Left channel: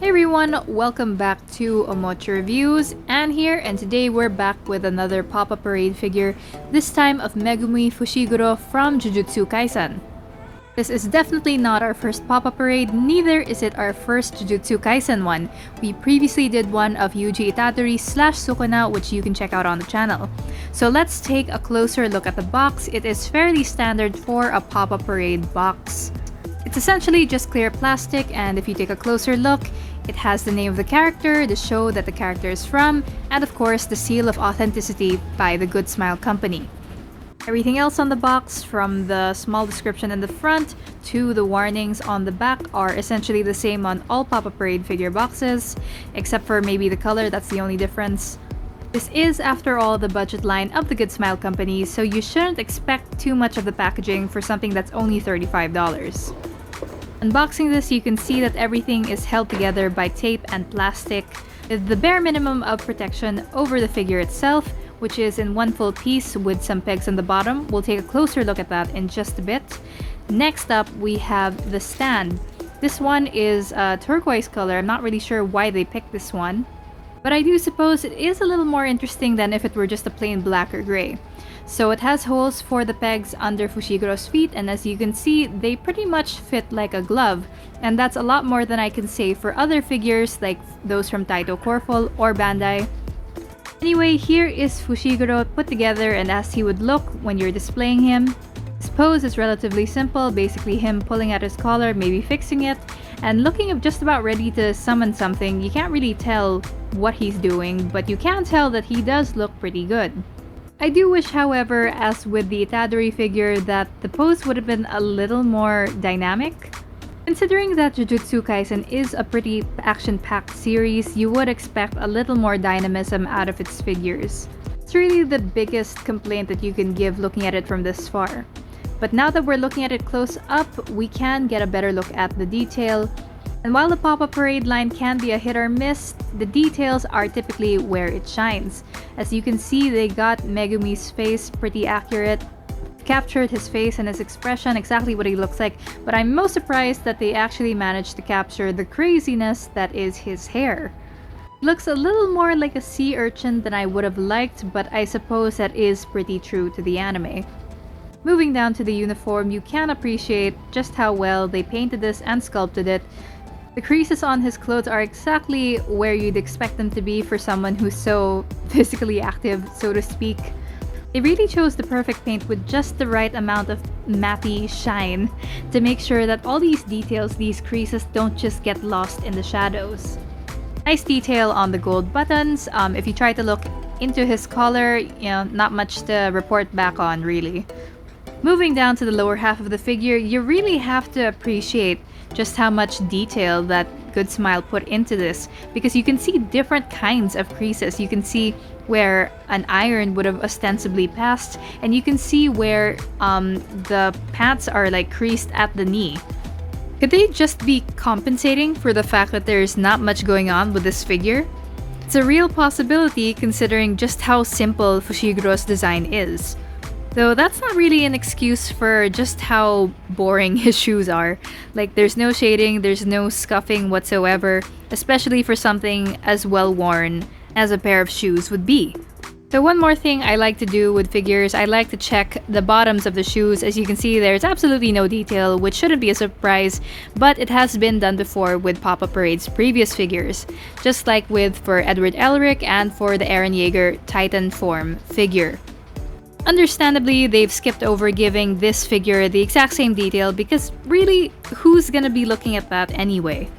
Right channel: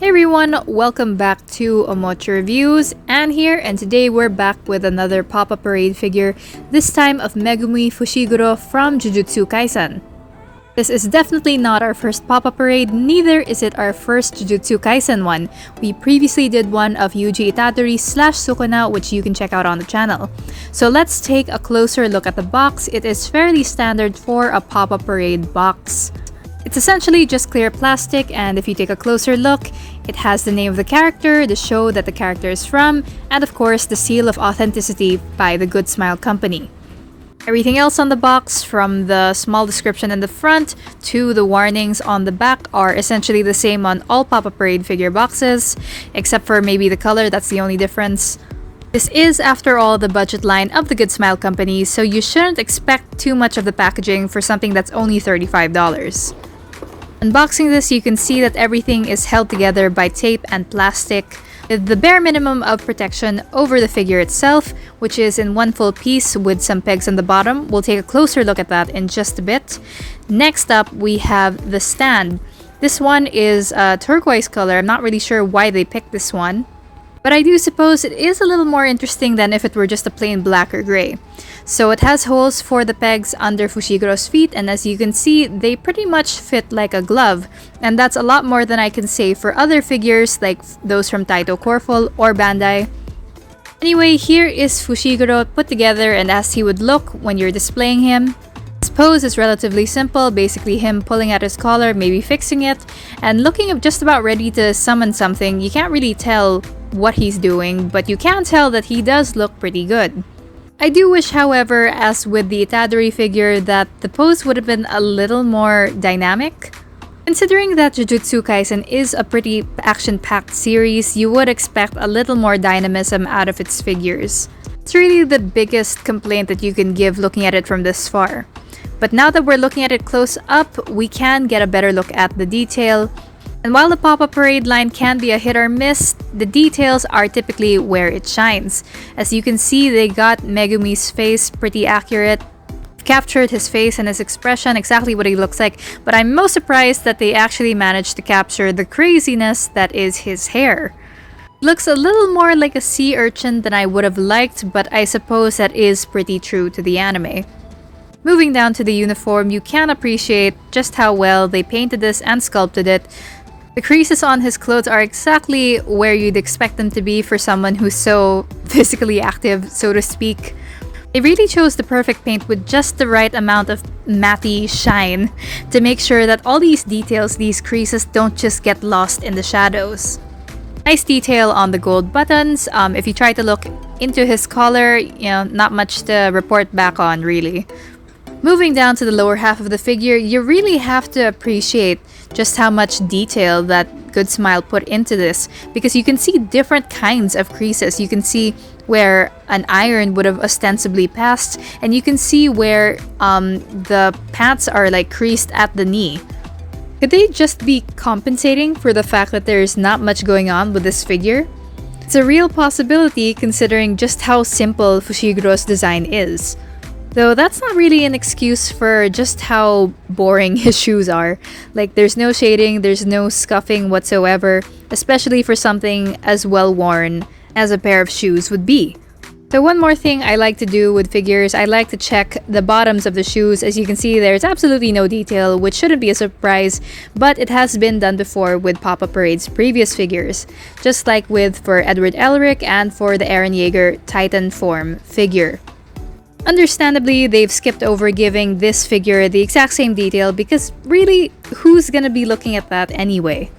Hey everyone, welcome back to Omochi Reviews, Anne here, and today we're back with another pop-up parade figure, this time of Megumi Fushiguro from Jujutsu Kaisen. This is definitely not our first pop-up parade, neither is it our first Jujutsu Kaisen one. We previously did one of Yuji Itadori / Sukuna, which you can check out on the channel. So let's take a closer look at the box. It is fairly standard for a pop-up parade box. It's essentially just clear plastic, and if you take a closer look, it has the name of the character, the show that the character is from, and of course the seal of authenticity by the Good Smile Company. Everything else on the box, from the small description in the front to the warnings on the back, are essentially the same on all Pop-Up Parade figure boxes, except for maybe the color, that's the only difference. This is, after all, the budget line of the Good Smile Company, so you shouldn't expect too much of the packaging for something that's only $35. Unboxing this, you can see that everything is held together by tape and plastic, with the bare minimum of protection over the figure itself, which is in one full piece with some pegs on the bottom. We'll take a closer look at that in just a bit. Next up, we have the stand. This one is a turquoise color. I'm not really sure why they picked this one, but I do suppose it is a little more interesting than if it were just a plain black or gray. So it has holes for the pegs under Fushiguro's feet, and as you can see, they pretty much fit like a glove. And that's a lot more than I can say for other figures like those from Taito Corful or Bandai. Anyway, here is Fushiguro put together and as he would look when you're displaying him. His pose is relatively simple, basically him pulling at his collar, maybe fixing it, and looking just about ready to summon something. You can't really tell what he's doing, but you can tell that he does look pretty good. I do wish, however, as with the Itadori figure, that the pose would have been a little more dynamic. Considering that Jujutsu Kaisen is a pretty action-packed series, you would expect a little more dynamism out of its figures. It's really the biggest complaint that you can give looking at it from this far. But now that we're looking at it close up, we can get a better look at the detail. And while the Pop-Up Parade line can be a hit or miss, the details are typically where it shines. As you can see, they got Megumi's face pretty accurate, captured his face and his expression, exactly what he looks like, but I'm most surprised that they actually managed to capture the craziness that is his hair. It looks a little more like a sea urchin than I would have liked, but I suppose that is pretty true to the anime. Moving down to the uniform, you can appreciate just how well they painted this and sculpted it. The creases on his clothes are exactly where you'd expect them to be for someone who's so physically active, so to speak. They really chose the perfect paint with just the right amount of matty shine to make sure that all these details, these creases, don't just get lost in the shadows. Nice detail on the gold buttons. If you try to look into his collar, not much to report back on, really. Moving down to the lower half of the figure, you really have to appreciate just how much detail that Good Smile put into this, because you can see different kinds of creases. You can see where an iron would have ostensibly passed, and you can see where the pants are like creased at the knee. Could they just be compensating for the fact that there's not much going on with this figure? It's a real possibility considering just how simple Fushiguro's design is. Though that's not really an excuse for just how boring his shoes are. Like, there's no shading, there's no scuffing whatsoever, especially for something as well worn as a pair of shoes would be. So one more thing I like to do with figures, I like to check the bottoms of the shoes. As you can see, there's absolutely no detail, which shouldn't be a surprise, but it has been done before with Pop-Up Parade's previous figures, just like for Edward Elric and for the Eren Yeager Titan form figure. Understandably, they've skipped over giving this figure the exact same detail because really, who's gonna be looking at that anyway?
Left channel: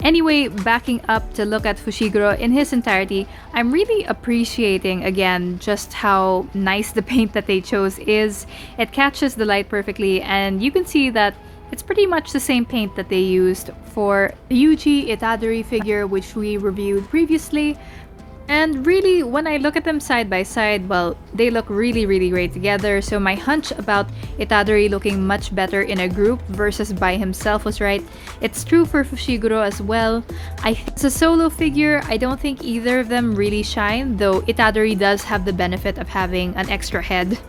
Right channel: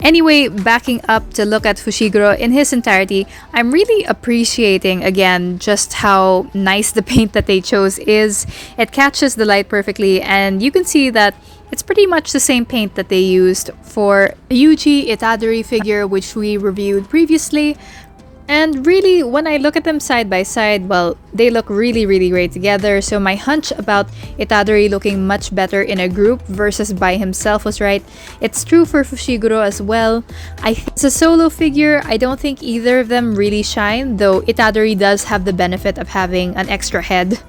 Anyway, backing up to look at Fushiguro in his entirety, I'm really appreciating again just how nice the paint that they chose is. It catches the light perfectly, and you can see that it's pretty much the same paint that they used for the Yuji Itadori figure, which we reviewed previously. And really, when I look at them side by side, well, they look really great together. So my hunch about Itadori looking much better in a group versus by himself was right. It's true for Fushiguro as well. As a solo figure, I don't think either of them really shine, though Itadori does have the benefit of having an extra head.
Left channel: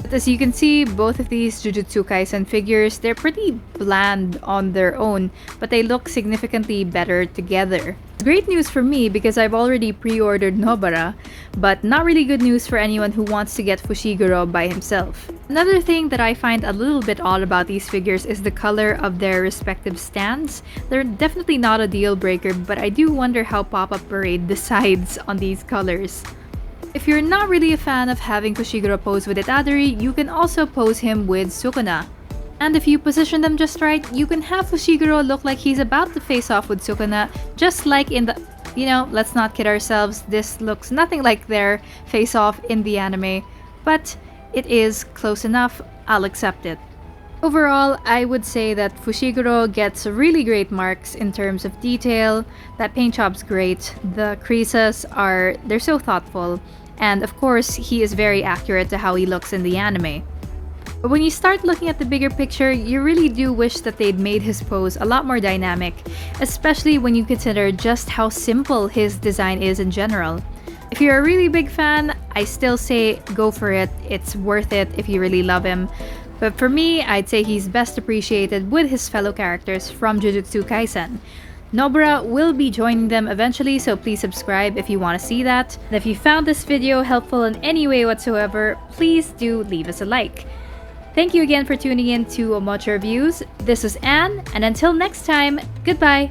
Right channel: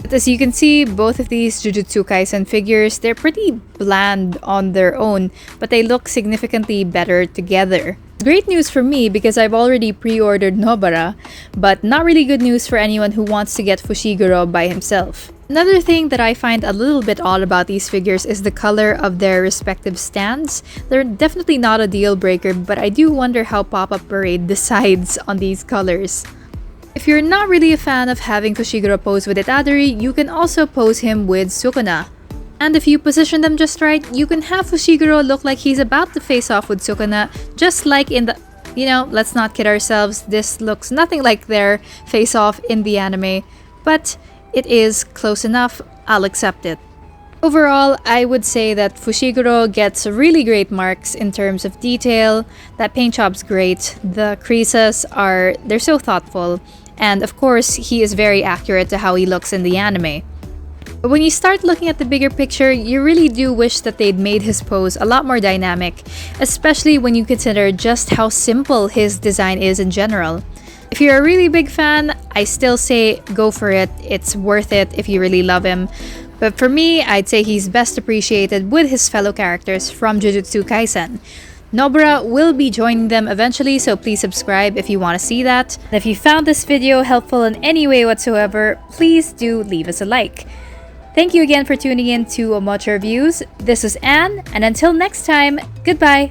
But as you can see, both of these Jujutsu Kaisen figures, they're pretty bland on their own, but they look significantly better together. Great news for me because I've already pre-ordered Nobara, but not really good news for anyone who wants to get Fushiguro by himself. Another thing that I find a little bit odd about these figures is the color of their respective stands. They're definitely not a deal breaker, but I do wonder how Pop-Up Parade decides on these colors. If you're not really a fan of having Fushiguro pose with Itadori, you can also pose him with Sukuna. And if you position them just right, you can have Fushiguro look like he's about to face off with Sukuna, just like in the... let's not kid ourselves, this looks nothing like their face-off in the anime, but it is close enough, I'll accept it. Overall, I would say that Fushiguro gets really great marks in terms of detail. That paint job's great, the creases they're so thoughtful, and of course, he is very accurate to how he looks in the anime. But when you start looking at the bigger picture, you really do wish that they'd made his pose a lot more dynamic, especially when you consider just how simple his design is in general. If you're a really big fan, I still say go for it, it's worth it if you really love him. But for me, I'd say he's best appreciated with his fellow characters from Jujutsu Kaisen. Nobara will be joining them eventually, so please subscribe if you want to see that. And if you found this video helpful in any way whatsoever, please do leave us a like. Thank you again for tuning in to Omocha Reviews. This is Anne, and until next time, goodbye!